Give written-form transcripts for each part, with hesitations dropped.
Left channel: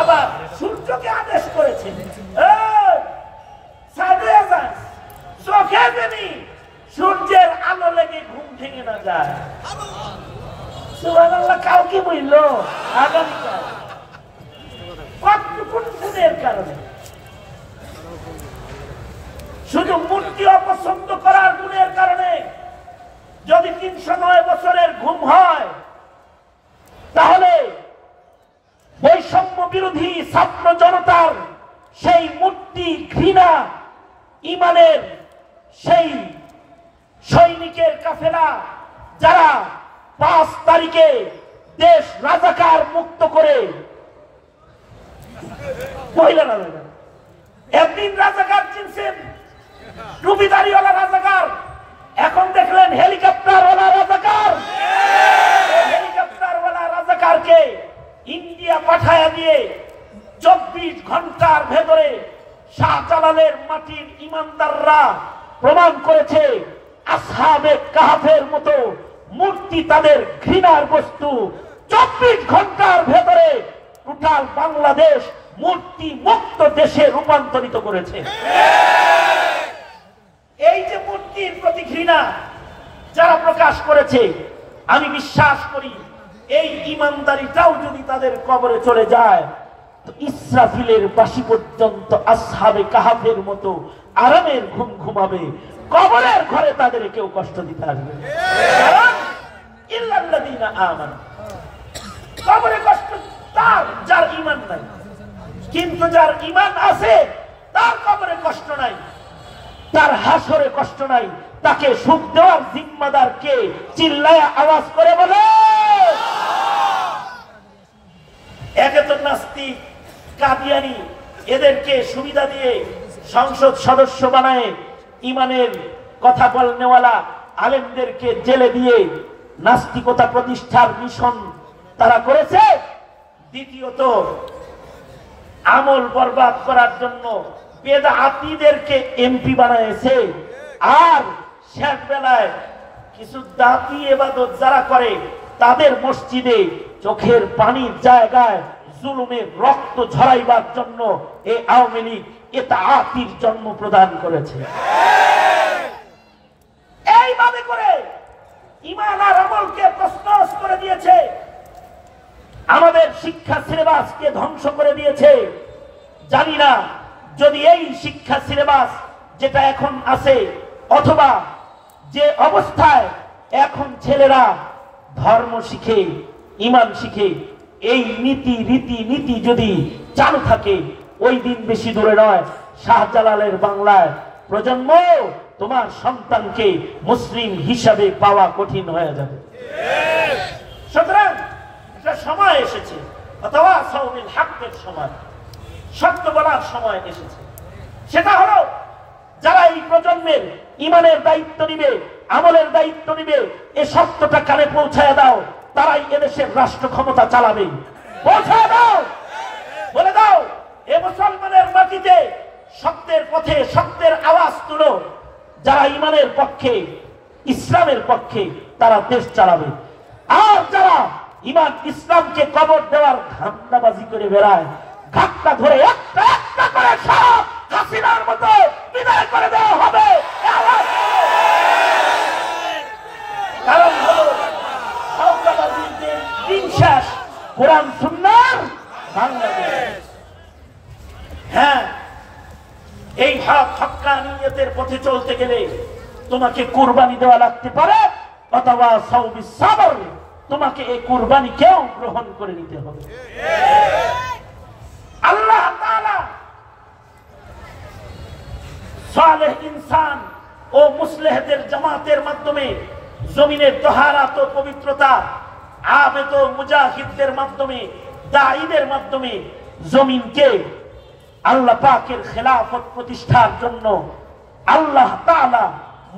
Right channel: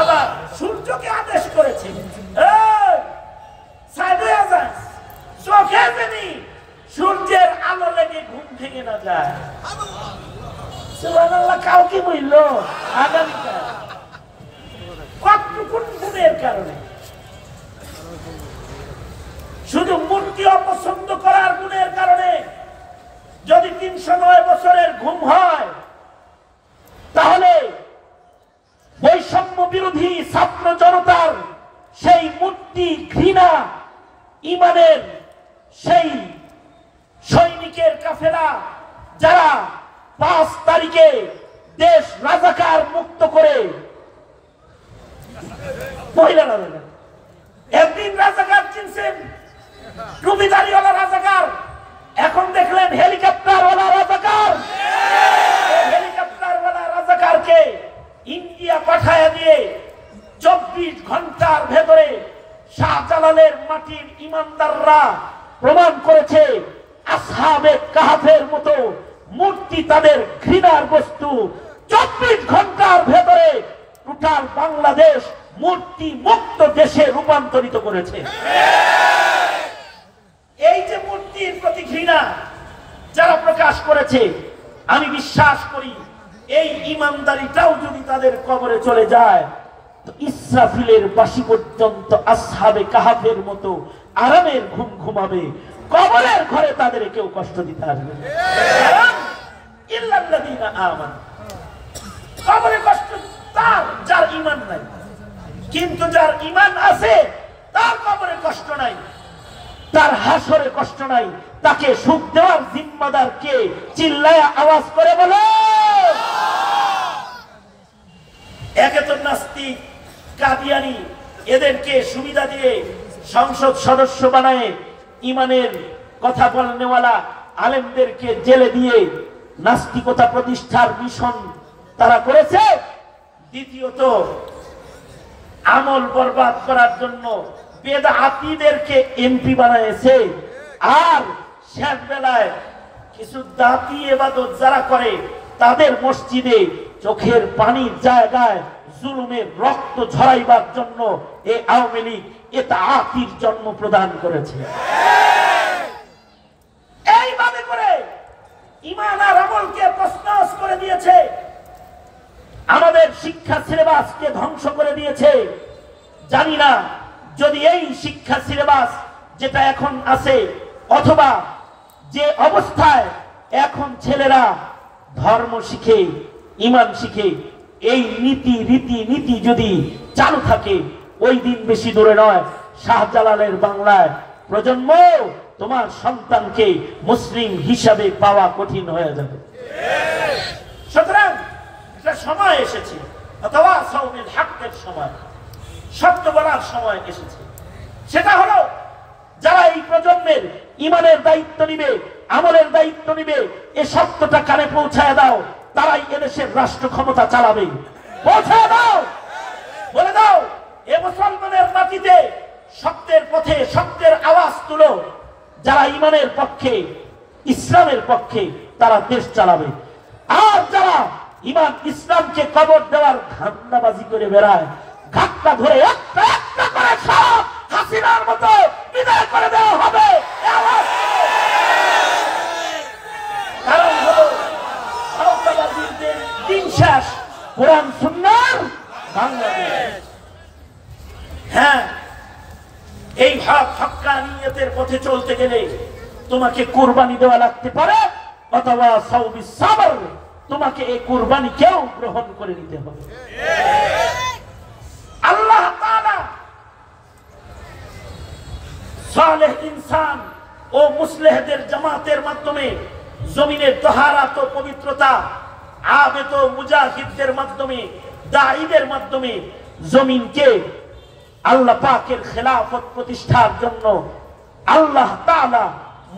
আবার সূর্যকে আদেশ করেছে চোখে যেনি সূর্যের আলো লেগে ঘুম ভেঙে না যায়। সুবহানাল্লাহ। কাউকে বলল আগামীকাল কতটুকুন গুণের কারণে, শুধু মূর্তি অপছন্দ করার গুণের কারণে যদি ৩০৯ বছরের ঘুম হয়, তাহলে বৈষম্য বিরোধী ছাত্র জনতার সেই মূর্তি ঘৃণা ইমানের সেই সৈনিকের কাফেলা যারা ৫ তারিখে দেশ রাজাকার মুক্ত করে মহিলা রাজাকার, একদিন রাজাকার চিনছেন টুপিদারিওয়ালা রাজাকার, এখন দেখলেন হেলিকপ্টারওয়ালা রাজাকার। হেলিকপ্টারওয়ালা রাজাকারকে ইন্ডিয়া পাঠায়া দিয়ে ২৪ ঘন্টার ভেতরে শাহজালালের মাটির ইমানদাররা প্রমাণ করেছে আসহাবে কাহফের মতো মূর্তি তাদের ঘৃণার বস্তু। ২৪ ঘন্টার ভেতরে টোটাল বাংলাদেশ মূর্তি মুক্ত দেশে রূপান্তরিত করেছে। এই যে মূর্তির প্রতি ঘৃণা যারা প্রকাশ করেছে, আমি বিশ্বাস করি এই ইমানদারিটাও যদি তাদের কবরে চলে যায়, তো ইসরাফিলের বাঁশি পর্যন্ত আসহাবে কাহফের মতো আরামের ঘুম ঘুমাবে। কবরের ঘরে তাদের কেউ কষ্ট দিতে আসবে না। ইল্লাল্লাযীনা আমানু, কবরে কষ্ট তার যার ঈমান নাই, কিন্তু যার ঈমান আছে তার কবরে কষ্ট নাই, তার হাসরে কষ্ট নাই। তাকে সুখ দেওয়ার জিম্মাদার কে? চিল্লায়া আওয়াজ করে বলো। একে তো নাস্তিক কাদিয়ানি, এদেরকে সুবিধা দিয়ে সংসদ সদস্য বানায় ইমানের কথা বলনেওয়ালা আলেমদেরকে জেলে দিয়ে নাস্তিকতা প্রতিষ্ঠার মিশন তারা করেছে। দ্বিতীয়ত আমল বরবাদ করার জন্য বেদাতীদেরকে এমপি বানাইছে। আর শেষ বেলায় কিছু দাতি ইবাদত যারা করে তাদের মসজিদে চোখের পানির জায়গায় জুলুমের রক্ত ঝরাইবার জন্য এই আওয়ামী লীগ ইতাআতির জন্ম প্রদান করেছে। এইভাবে করে ঈমান আর আমলকে প্রশ্নস করে দিয়েছে, আমাদের শিক্ষা সিলেবাসকে ধ্বংস করে দিয়েছে। জানি না যদি এই শিক্ষা সিলেবাস যেটা এখন আছে, অথবা যে অবস্থায় এখন ছেলেরা ধর্ম শিখে, ঈমান শিখে, এই নীতি রীতি নীতি যদি চালু থাকে, ওই দিন বেশি দূরে নয়, শাহজালালের বাংলায় প্রজন্ম তোমার সন্তানকে মুসলিম হিসাবে পাওয়া কঠিন হয়ে যাবে। সুতরাং এটা সময় এসেছে, অথবা সাউমিল হকের সময়, সত্য বলার সময় এসেছে। সেটা হলো যারা এই প্রজন্মের ঈমানের দায়িত্ব নিবে, আমলের দায়িত্ব নিবে, এই সত্যটা কানে পৌঁছায় দাও, তারাই এদেশের রাষ্ট্র ক্ষমতা চালাবে। পৌঁছায় দাও, বলে দাও এ মুসলমানের মাটিতে সত্যের পথে সত্যের আওয়াজ তুলো। যারা ঈমানের পক্ষে, ইসলামের পক্ষে, তারা দেশ চালাবে। আর যারা ঈমান ইসলামকে কবর দেওয়ার ধান্দাবাজি করে বেড়ায়, ঘাটটা ধরে একটা একটা করে সব হাসিনার মতো বিদায় করে দেওয়া হবে। কারণ হলো আওতাবাদীদের দিন শেষ, কোরআন সুন্নাহর বাংলাদেশ। হ্যাঁ, এই হক হক্কানিয়তের পথে চলতে গেলে তোমাকে কুরবানি দেওয়া লাগতে পারে, অথবা সাউবি সাবর, তোমাকে এই কুরবানি কেউ গ্রহণ করে নিতে হবে। আল্লাহ তাআলা সালেহ ইনসান ও মুসলিহদের জামাতের মাধ্যমে জমিনের তাহারাত ও পবিত্রতা, আবেদ ও মুজাহিদদের মাধ্যমে, দাঈদের মাধ্যমে জমিনকে আল্লাহ পাকের খেলাফত প্রতিষ্ঠার জন্য আল্লাহ তাআলা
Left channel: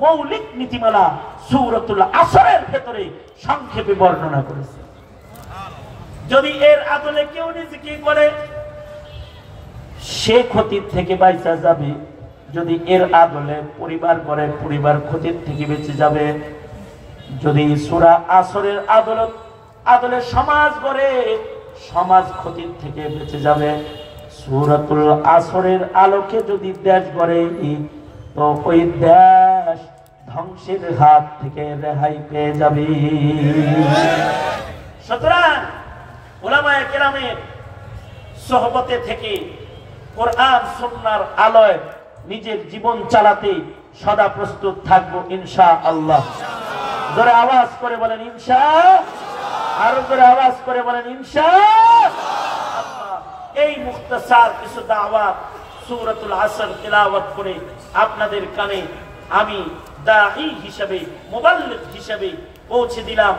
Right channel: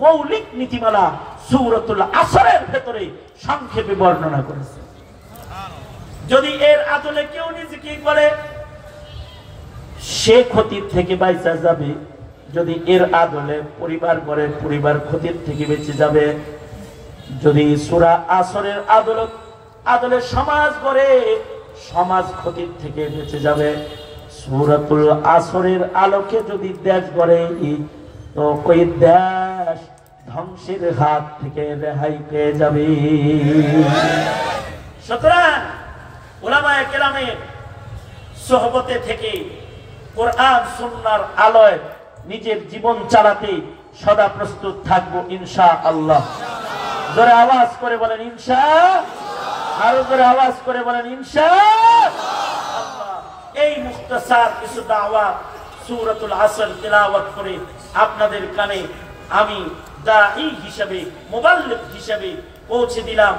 মৌলিক নীতিমালা সূরাতুল আসরের ভেতরে সংক্ষেপে বর্ণনা করেছে। যদি এর আদলে কেউ নিজেকে করে, সে ক্ষতির থেকে বাইচা যাবে। যদি এর আদলে পরিবার করে, পরিবার ক্ষতির থেকে বেঁচে যাবে। যদি সূরা আসরের আদলত আদলের সমাজ গড়ে সমাজ ক্ষতির থেকে বেঁচে যাবে। সূরাতুল আসরের আলোকে যদি দেশ গড়ে তো ওই দেশ ধ্বংসের হাত থেকে রেহাই পেয়ে যাবে। সুতরাং উলামায়ে কেরামের সোহবতে থেকে কোরআন সুন্নাহর আলোয় নিজের জীবন চালাতে সদা প্রস্তুত থাকবো ইনশাআল্লাহ। জোরে আওয়াজ করে বলেন ইনশাআল্লাহ, আরো জোরে আওয়াজ করে বলেন ইনশাআল্লাহ। এই মুখতাসার কিছু দাওয়াত সূরাতুল আসর তিলাওয়াত করে আপনাদের কানে আমি দাঈ হিসেবে, মুবাল্লিগ হিসেবে পৌঁছে দিলাম।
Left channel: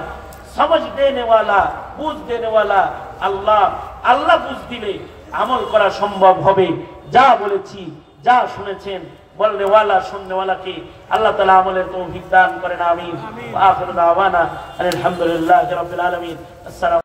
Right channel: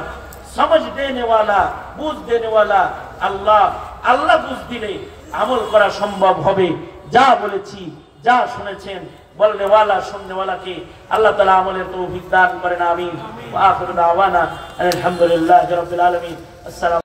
समझ देने वाला, बुझ देने वाला अल्लाह। अल्लाह बुझ दिले আমল করা সম্ভব হবে। যা বলেছি, যা শুনেছেন, বলনে ওয়ালা শুননে ওয়ালাকে আল্লাহ তাআলা আমলের তৌফিক দান করেন। আমিন। আখির দাওয়ানা আলহামদুলিল্লাহি রাব্বিল আলামিন। আসসালামু